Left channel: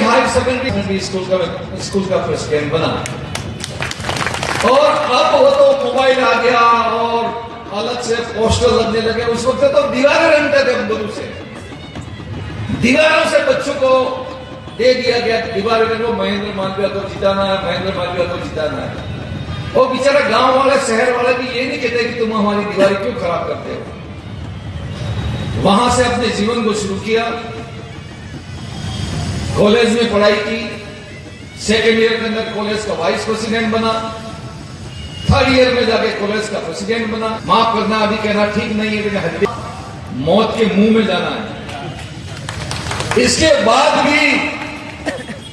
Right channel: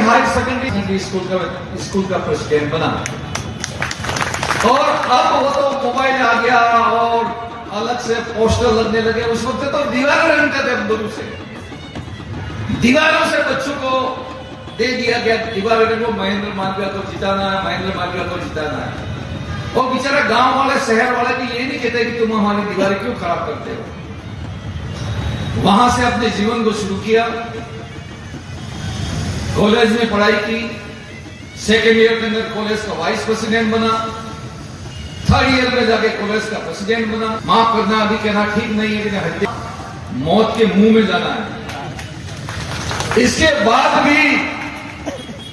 Higher secondary school का president बना। और अब वो तो मोबाइल आ गया और अलग से पोस्टर लगने लगे। उस वक्त तो दीवारें रंगते थे बंदूक से, दीवारों से बच्चों को दे दिया गया दीवारें रंगो, महेंद्र मालवीय को जिताना है, महेंद्र मालवीय को जिताना है। वो बेचारा गांव वाले शहर वाले भी ये नहीं कहते कि तुम हमारी दीवारें क्यों खराब करते हो। वहां से अपने जीवन को शुरू किया, कॉलेज में पढ़ाई की, सेकेंड ईयर के अंदर कॉलेज का वाइस प्रेसिडेंट बना, थर्ड ईयर में जाके कॉलेज का प्रेसिडेंट बना। माफ करना अभी कहना ठीक नहीं है, लेकिन मौत के मुंह में जाना है। इसके बाद भी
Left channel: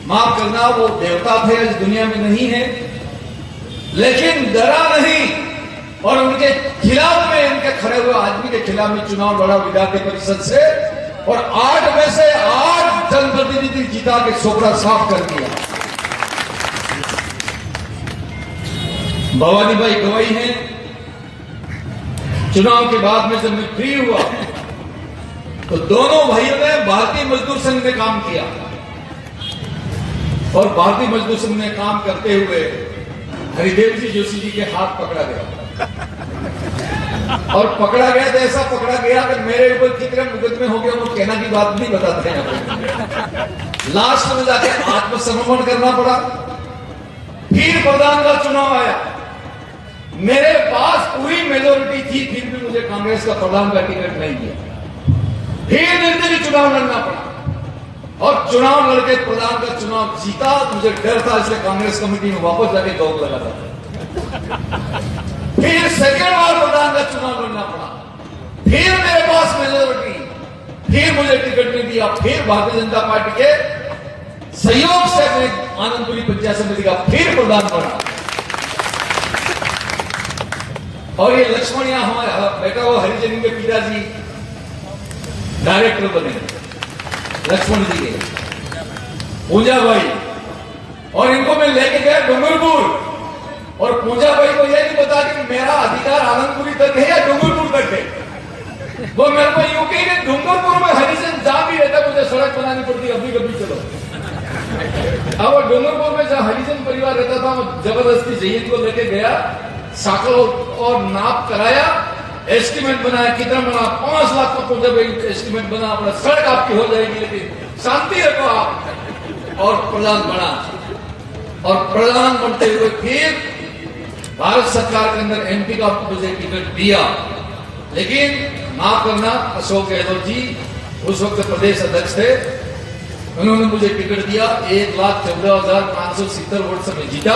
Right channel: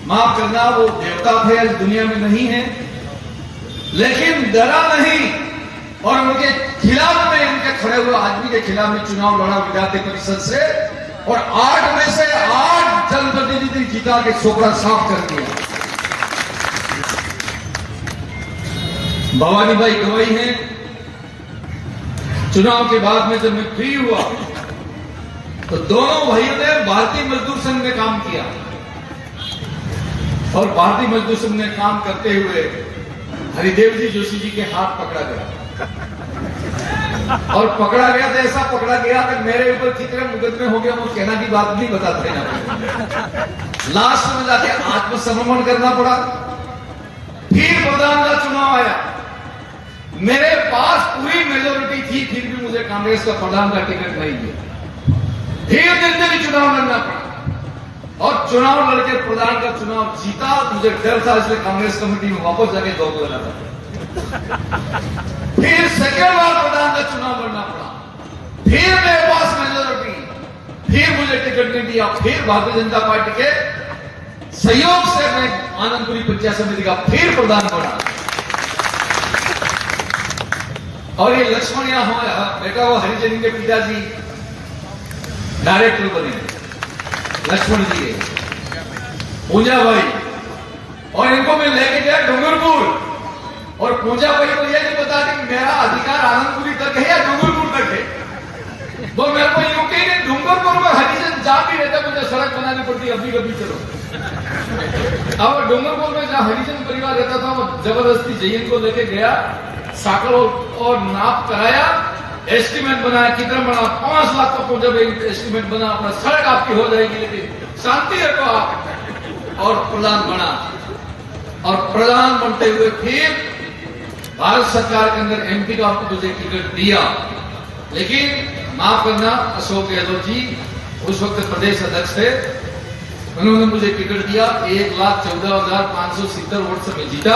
माफ करना, वो देवता थे, इस दुनिया में नहीं है, लेकिन डरा नहीं और उनके खिलाफ में, उनके खड़े हुए आदमी के खिलाफ में चुनाव लड़ा विधायक परिषद से और 8 में से 8 जनप्रतिनिधि जीता के सोपड़ा साफ कर दिया। भवानी भाई गवाही हैं। चुनाव के बाद में जब मैं फ्री हुआ तो दोनों भाइयों ने भारतीय मजदूर संघ में काम किया और भारतीय मजदूर संघ में काम करते हुए हरिदेव जी जोशी जी के हाथ पकड़ा गया और पकड़ा गया तो ऐसा पकड़ा गया कि मेरे ऊपर कितने मुकदमे हो गए, वो कहना की बात नहीं बताते हैं। लास्ट में जाके आत्मसमर्पण करना पड़ा। फिर प्रधान का चुनाव आया, मेरे पास पूरी मेजोरिटी थी, फिर भी मुझे कांग्रेस का प्रधान का टिकट नहीं दिया। फिर निर्दलीय चुनाव लड़ना पड़ा और चुनाव लड़के प्रधान का चुनाव जीता। मुझे डर था, इसलिए कांग्रेस कमेटी में वापस जाके दौड़ लगा था। फिर सेकेंड बार प्रधान का चुनाव लड़ना पड़ा, फिर मेरे पास मेजोरिटी, फिर मुझे टिकट नहीं दिया। फिर भारतीय जनता पार्टी के सहयोग से मैं आनंदपुरी पंचायत समिति का फिर प्रधान बना और ये लक्ष्मण यहां हमारा बेटा हुआ हरिजन के पिताजी डायरेक्टर बने, लक्ष्मण जी पूजा भाई, और इनको मैं लेके गया डूंगरपुर और पूजा भाई को यह नहीं बता कि मेरा अधिकार आनंदपुरी तक है या डूंगरपुर तक है। वो मेरे को यूं कहे कि डूंगरपुर में हरिजन जहां भी रहता, मुझे सड़क बनानी पड़ती, अभी कभी चलो। अब डूंगरपुर में जहां हरिजन परिवार रहता था, वो जबरदस्ती जयंत को लेके गया, साकल और नाप कराया, एस्टीमेट बनाया, कितना बना, 5 लाख का पूजा भाई एस्टीमेट बना, अपना सड़क आपकी हो जाएगी, लेकिन शांति रखो आप। और प्रधान बना और प्रधान बनते हुए फिर भारत सरकार के अंदर एमपी का मुझे टिकट दिया। लेकिन माफ करना, अशोक गहलोत जी उस वक्त प्रदेश अध्यक्ष थे, उन्होंने मुझे टिकट दिया। 1,14,570 वोट से मैं जीता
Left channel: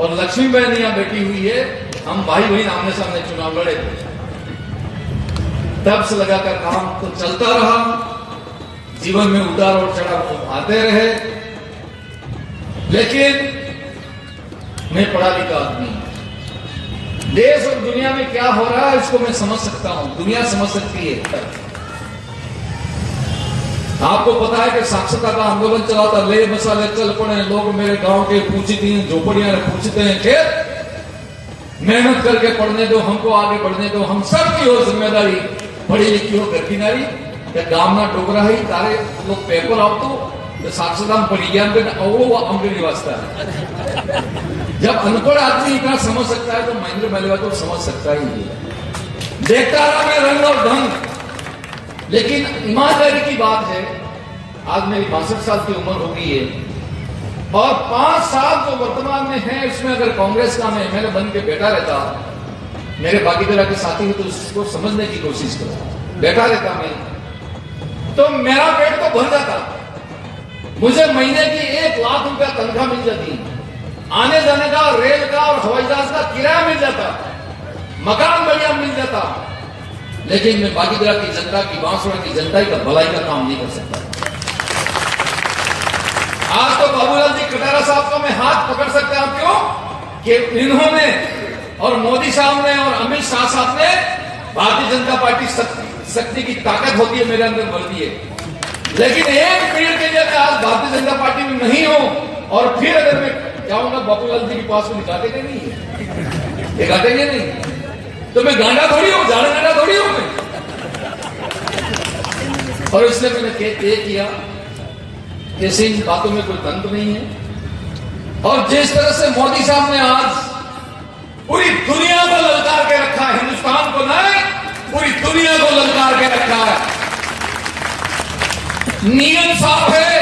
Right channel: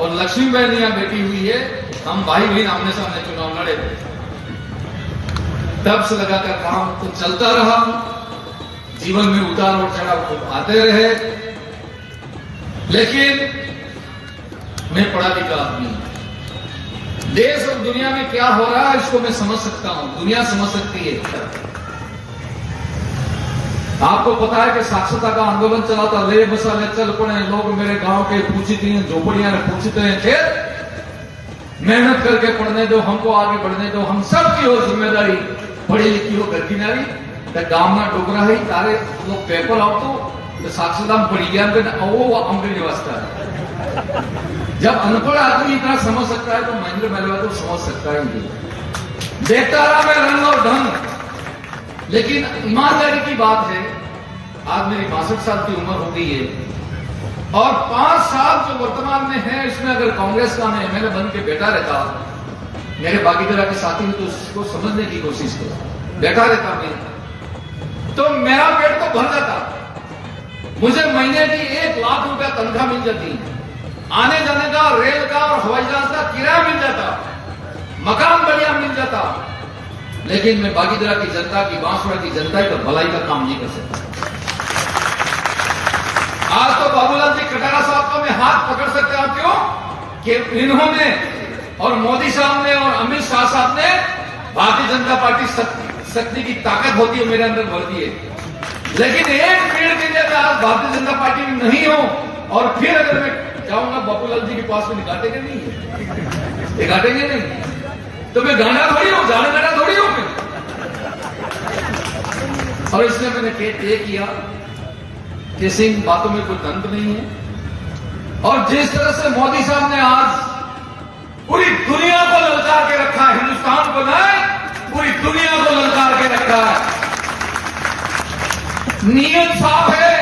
और लक्ष्मी बहन यहाँ बैठी हुई है, हम भाई बहन आमने सामने चुनाव लड़े थे। तब से लगाकर काम तो चलता रहा, जीवन में उतार और चढ़ाव आते रहे, लेकिन मैं पढ़ा लिखा आदमी, देश और दुनिया में क्या हो रहा है इसको मैं समझ सकता हूं, दुनिया समझ सकती है। आपको पता है कि साक्षरता का आंदोलन चला था, ले मसाले चल पड़े, लोग मेरे गांव के पूछती हैं, झोपड़ियां पूछते हैं कि मेहनत करके पढ़ने दो, हमको आगे बढ़ने दो, हम सबकी हो जिम्मेदारी, पढ़ी लिखी हो घर की नारी, गांव ना डोगरा है तारे लोग पेपर आओ तो साक्षरता पढ़ी गया वो अमृत निवासता है। जब अनपढ़ आदमी इतना समझ सकता है तो महेंद्र मालवीय तो समझ सकता ही नहीं। देखता रहा मैं रंग और ढंग, लेकिन ईमानदारी की बात है, आज मेरी 62 साल की उम्र हो गई है और 5 साल जो वर्तमान में है इसमें अगर कांग्रेस का मैं एमएलए बन के बैठा रहता, मेरे बाकी तरह के साथी तो उसको समझने की कोशिश करो, बैठा रहता मैं तो मेरा पेट तो भर जाता, मुझे महीने की 1 लाख रुपया तनख्वाह मिल जाती, आने जाने का रेल का और हवाई जहाज का किराया मिल जाता, मकान बढ़िया मिल जाता, लेकिन मैं बाकी तरह की जनता की, बांसुरा की जनता का भलाई का काम नहीं कर सकता। आज तो बाबूलाल जी कटारा साहब को मैं हाथ पकड़ सकता हूं, क्यों कि इन्होंने और मोदी साहब ने और अमित शाह साहब ने भारतीय जनता पार्टी शक्ति की ताकत होती है मेरे अंदर भर दी है, लेकिन एक पीढ़ी के लिए आज भारतीय जनता पार्टी में नहीं हूं और फिर अगर मैं जाऊंगा बाबूलाल जी के पास में दिखाते क्या नहीं, दिखाते क्या नहीं, तो मैं गाना थोड़ी हूं, गाना थोड़ी हूं। और इसलिए मैंने तय किया ऐसी इन बातों में कोई तंत्र नहीं है। और जिस तरह से मोदी साहब ने आज पूरी दुनिया को ललकार के रखा है, हिंदुस्तान को नहीं पूरी दुनिया को ललकार के रखा है। नीयत साफ है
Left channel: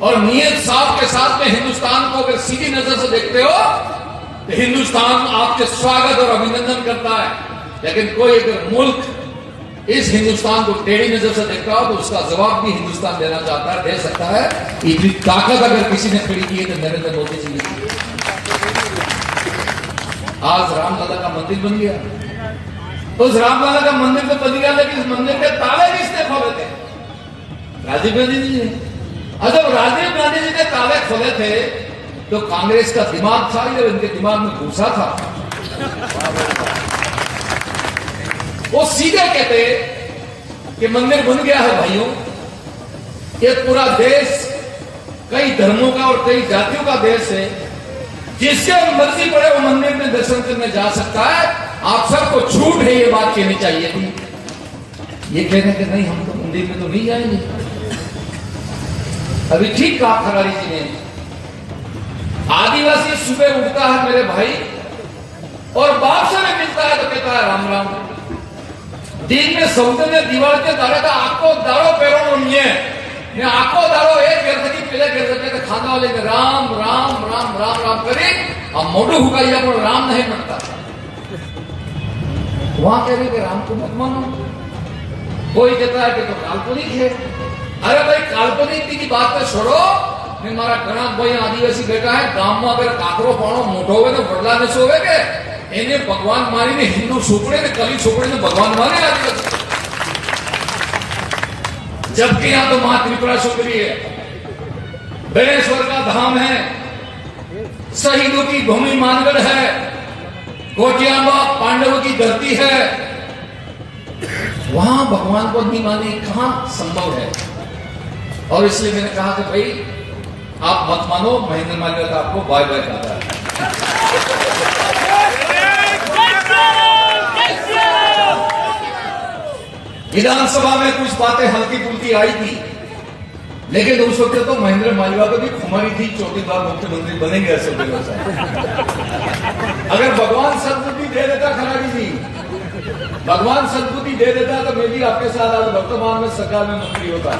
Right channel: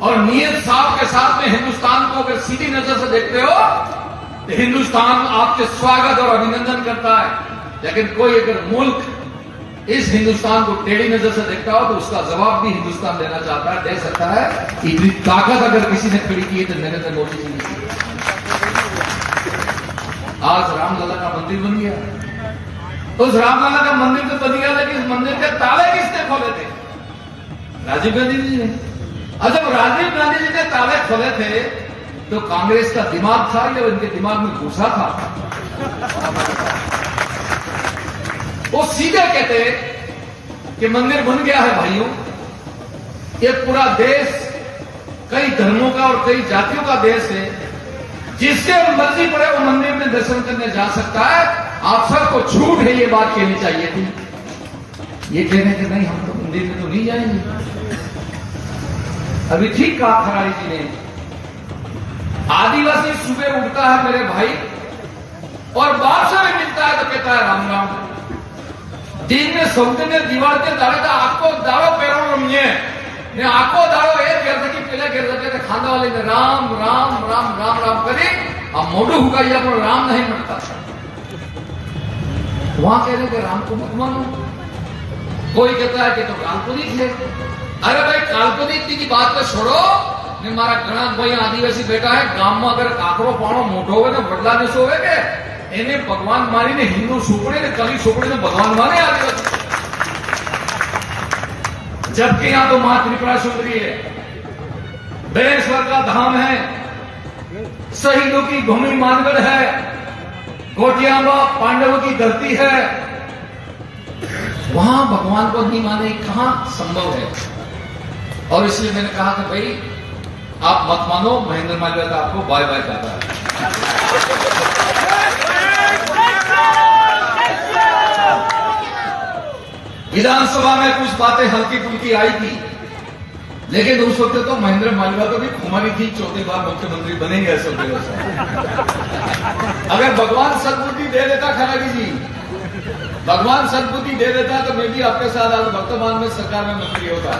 और नीयत साफ के साथ में हिंदुस्तान को अगर सीधी नजर से देखते हो तो हिंदुस्तान आपके स्वागत और अभिनंदन करता है। लेकिन कोई अगर मुल्क इस हिंदुस्तान को टेढ़ी नजर से देखता हो तो उसका जवाब भी हिंदुस्तान देना चाहता है, दे सकता है। इतनी ताकत अगर किसी ने खड़ी की है तो नरेंद्र मोदी जी ने की। आज रामलला का मंदिर बन गया। उस रामलला का मंदिर तो बन गया, लेकिन इस मंदिर के ताले किसने खोले थे? राजीव गांधी जी ने। और जब राजीव गांधी जी ने ताले खोले थे तो कांग्रेस का दिमाग था या उनके दिमाग में घुसा था? वो सीधे कहते कि मंदिर बन गया है भाइयों, ये पूरा देश कई धर्मों का और कई जातियों का देश है, जिससे मर्जी पड़े वो मंदिर में दर्शन करने जा सकता है। आप सबको छूट है, ये बात कहनी चाहिए थी। ये कहने के नहीं हम तो मंदिर में तो नहीं जाएंगे। अभी ठीक कहा खरारी जी ने, आदिवासी सुबह उठता है मेरे भाई और बाप से में मिलता है तो कहता है राम राम। दिन में सौदे में दीवार के दारे था आको दारो पेरो रमिए आको दारो एक गरदकी पीले गरदके खाना वाले में राम राम राम राम राम करे अब मोटू हुआ ये पर राम नहीं मरता। वहां कह रहे कि राम को मत मानो। कोई कहता है कि तो काल्पनिक है। अरे भाई काल्पनिक की बात तो छोड़ो ने मारा घना भाई आदिवासी बेटा है गांव में अगर काकरो पाणो मोटो हो तो बदला ने सोवे के એને ભગવાન મારીને હિન્દુ છોકરે ને કલી છોકરે ने भगवान माने आगे, जबकि यहां तो मां त्रिपुरा सुंदरी है, बेणेश्वर का धाम है, शहीदों की भूमि मानगढ़ है, कोटियाबा पांडवों की धरती है। वहां भगवान को नहीं माने कहां संभव है? और इसलिए मैंने कहा कि भाई आप मत मानो, महेंद्र मालवीय का आपको बाय बाय कहता है। विधानसभा में कुछ बातें हल्की फुल्की आई थी, लेकिन उस वक्त तो महेंद्र मालवीय को भी खुमारी थी चौथी बार मुख्यमंत्री बनेंगे असल में। अगर भगवान सद्बुद्धि दे देता खराड़ी जी, भगवान सद्बुद्धि दे देता तो मैं भी आपके साथ आज वर्तमान में सरकार में मंत्री होता।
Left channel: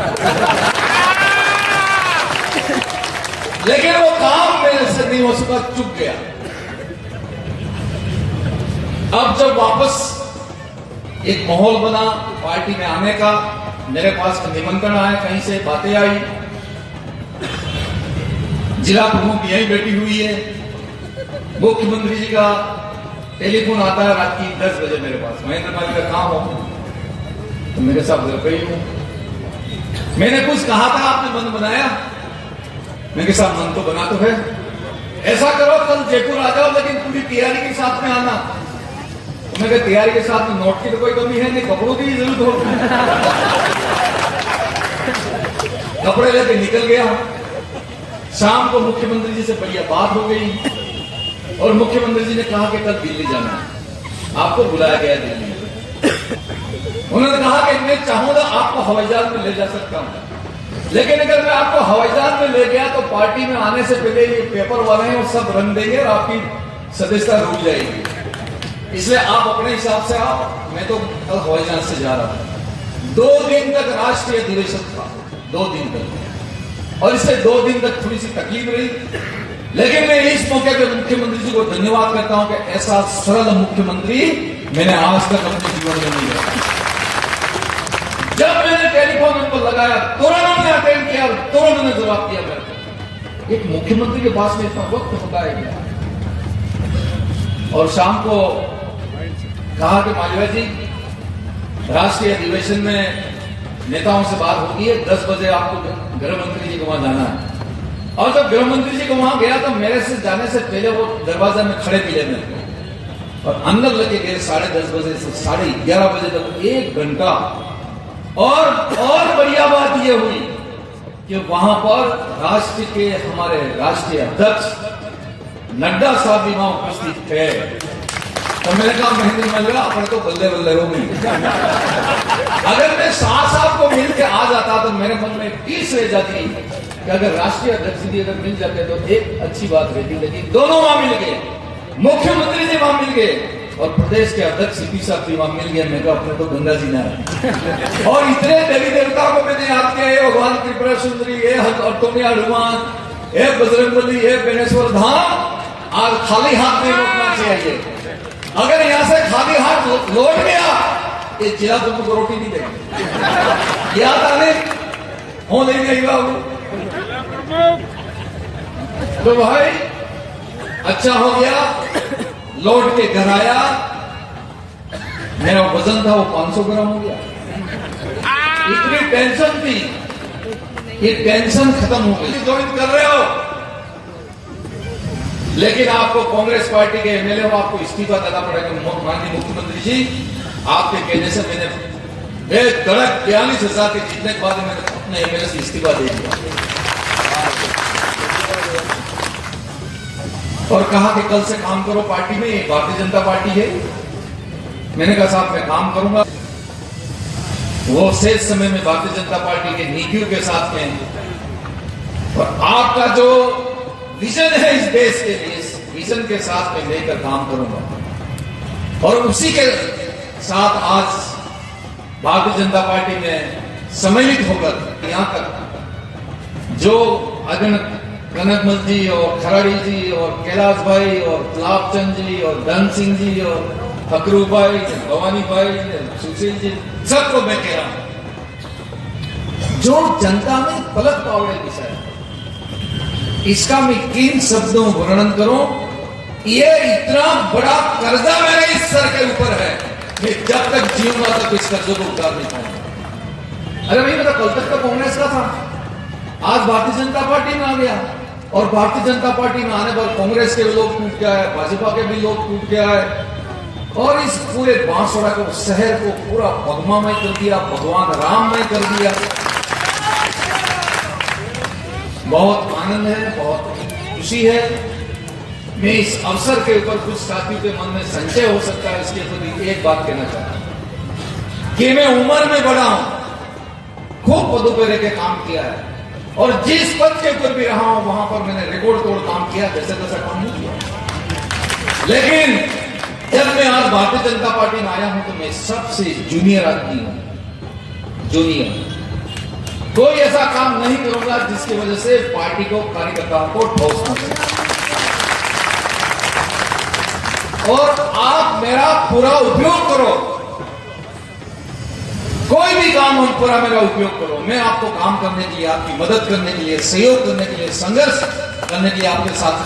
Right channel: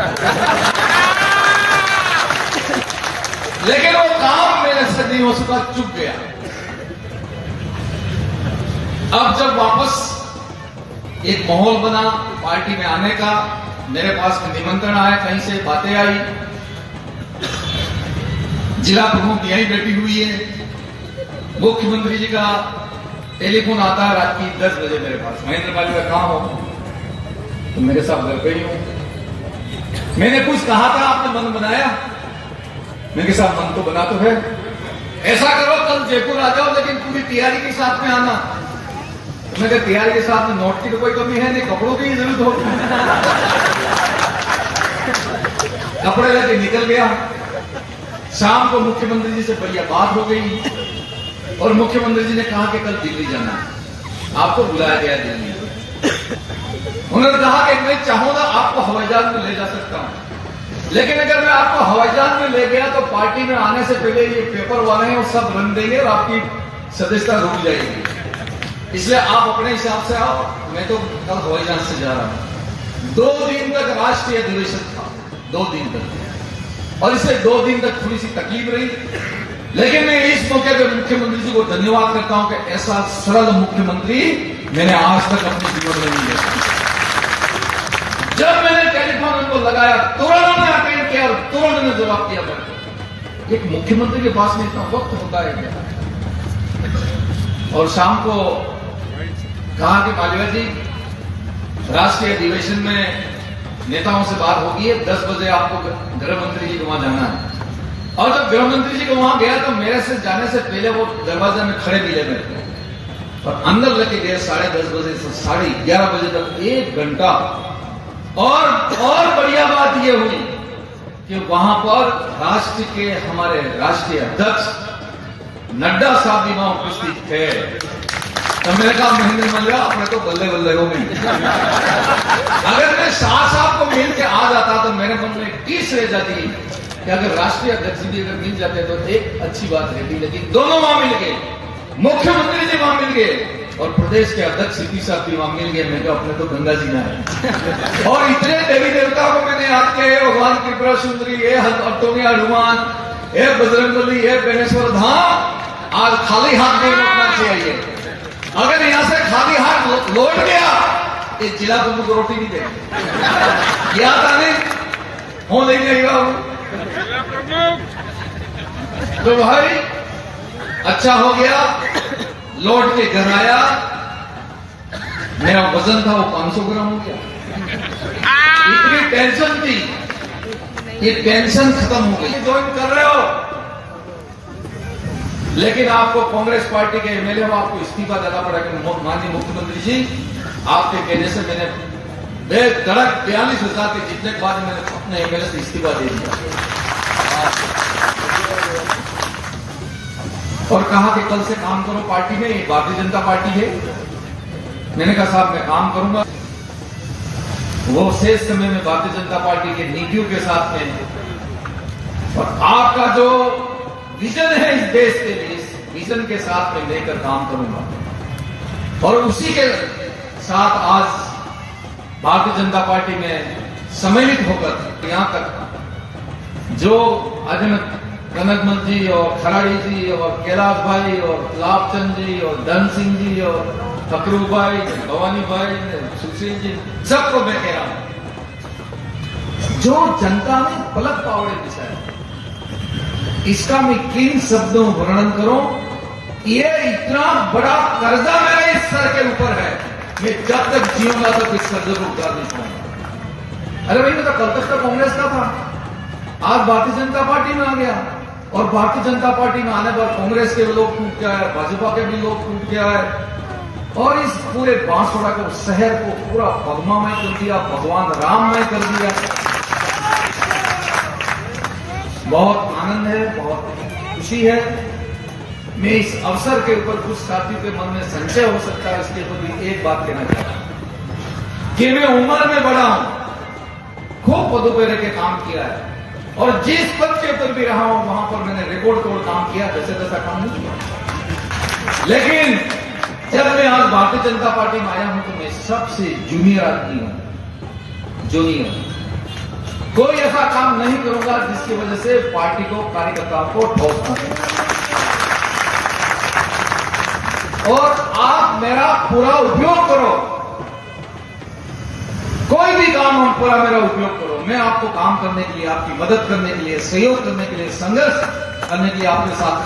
लेकिन वो काम मेरे से नहीं हो सका, चुप गया। अब जब वापस एक माहौल बना पार्टी में आने का, मेरे पास निमंत्रण आया, कहीं से बातें आई, जिला प्रमुख यहीं बैठी हुई है, मुख्यमंत्री जी का टेलीफोन आता है रात की 10 बजे मेरे पास, महेंद्र मालवीय कहां हो? तो मेरे साथ घर पे ही हूं। मैंने कुछ कहा था, आपने मन बनाया? मेरे साथ मन तो बना तो है। ऐसा करो कल जयपुर आ जाओ, लेकिन पूरी तैयारी के साथ में आना। मेरे तैयारी के साथ में नोट की तो कोई कमी है नहीं, कपड़ों की जरूरत होती है। कपड़े लेके निकल गया। शाम को मुख्यमंत्री जी से बढ़िया बात हो गई और मुख्यमंत्री जी ने कहा कि कल दिल्ली जाना है, आपको बुलाया गया दिल्ली। उन्होंने कहा कि मैं चाहूंगा आपको हवाई जहाज में ले जा सकता हूं, लेकिन अगर मैं आपको हवाई जहाज में ले गया तो पार्टी में आने से पहले ये पेपर वाले हैं और सब रन देंगे और आपकी सदस्यता रुक जाएगी। इसलिए आप अपने हिसाब से आओ, मैं तो कल हवाई जहाज से जा रहा हूं। 2 दिन तक राष्ट्रीय अधिवेशन था, 2 दिन तक, और इससे 2 दिन तक थोड़ी सी तकलीफ रही। लेकिन मैं इस मौके पर मुख्यमंत्री जी को धन्यवाद करता हूं कि ऐसा सरल मुख्यमंत्री मैंने आज तक अपने जीवन में नहीं देखा। जब मैंने टेलीफोन उनको लगाया, तुरंत मैंने अटेंड किया और तुरंत मैंने जवाब दिया। एक मुख्यमंत्री के पास में इतना वक्त होता है क्या? और शाम को कहा कि मालवीय जी, राष्ट्रीय अधिवेशन में नेताओं से बात होगी है, 10 बजे आपको गृह मंत्री जी को वहां जाना है। और जब गृह मंत्री जी को वहां गया तो मेरे से जाने से पहले वो दरवाजे में खड़े मिले मेरे को और अंदर लेके गए 10:30 बजे से 11:30 बजे तक 1 घंटा। और बढ़िया बात यह हुई कि वहां पर राष्ट्र के हमारे राष्ट्रीय अध्यक्ष नड्डा साहब भी वहां उपस्थित थे। तो मैंने कहा महेंद्र मल्लिया अपने तो बल्ले बल्ले हो गई। अगर मैं शाह साहब को मिल के आ जाता तो मेरे मन में पीस रह जाती कि अगर राष्ट्रीय अध्यक्ष जी अगर मिल जाते तो एक अच्छी बात रहती, लेकिन दोनों वहां मिल गए, मुख्यमंत्री जी वहां मिल गए और प्रदेश के अध्यक्ष सीपी साहब जी वहां मिल गए। मैं अपने तो गंगा जी ना है। और इतने देवी देवता को मैंने याद किया, ये भगवान त्रिपुरा सुंदरी, ये अटोनिया हनुमान, ये बजरंगबली, ये बेनेश्वर धाम, आज खाली हाथ नहीं लौटना चाहिए। अगर यहां से खाली हाथ लौट गया ये जिला तुमको रोटी नहीं देगा। याद आने हो नहीं देगा वो। तो भाई अच्छा हो गया, लौट के घर आया, मेरा वजन था वो 500 ग्राम हो गया। इतनी टेंशन थी, ये टेंशन खत्म हो गई। ज्वाइन कर रहे हो लेकिन आपको कांग्रेस पार्टी के एमएलए हो, आपको इस्तीफा देना पड़ेगा। माननीय मुख्यमंत्री जी आपके कहने से मैंने बेधड़क 42,000 के जीतने के बाद मैंने अपने एमएलए से इस्तीफा दे दिया और कहा कि कल से काम करो पार्टी में, भारतीय जनता पार्टी है। मैंने कहा साहब मैं काम करूंगा। वो शेष समय में भारतीय जनता पार्टी के नीतियों के साथ में और आपका जो विजन है इस देश के लिए, इस विजन के साथ में लेकर काम करूंगा। और उसी के साथ आज भारतीय जनता पार्टी में सम्मिलित होकर यहां तक जो कनकमल जी और खराड़ी जी और कैलाश भाई और लाभचंद जी और धन सिंह जी और फकरू भाई, भवानी भाई, सुशील जी, सबको मैं कह रहा हूं, जो जनता ने पलक पावड़े दिखाया, इसका मैं किन शब्दों वर्णन करूं। ये इतना बड़ा कर्जा मेरे इस सर के ऊपर है, मैं जब तक जीऊंगा तक इस कर्जे को उतार नहीं पाऊंगा। अरे भाई मैं तो कल तक तो कांग्रेस का था, आज भारतीय जनता पार्टी में आ गया और भारतीय जनता पार्टी में आने पर कांग्रेस के लोग टूट गया है, भाजपा के भी लोग टूट गया है और इस पूरे बांसवाड़ा को, शहर को पूरा भगवामय कर दिया, भगवान राममय कर दिया। बहुत आनंद है, बहुत खुशी है। मैं इस अवसर के ऊपर कुछ साथियों के मन में संशय हो सकता है, इसके प्रति एक बात कहना चाहता हूं कि मैं उम्र में बड़ा हूं, खूब पदों पर रह के काम किया है और जिस पद के ऊपर भी रहा हूं वहां पर मैंने रिकॉर्ड तोड़ काम किया, जैसे तैसा काम नहीं किया। लेकिन जब मैं आज भारतीय जनता पार्टी में आया हूं तो मैं सबसे जूनियर आदमी हूं, जूनियर। कोई ऐसा काम नहीं करूंगा जिसकी वजह से पार्टी को, कार्यकर्ताओं को ठोस पहुंचे। और आप मेरा पूरा उपयोग करो, कोई भी काम हो पूरा मेरा उपयोग करो। मैं आपको काम करने के लिए, आपकी मदद करने के लिए, सहयोग करने के लिए, संघर्ष करने के लिए आपके साथ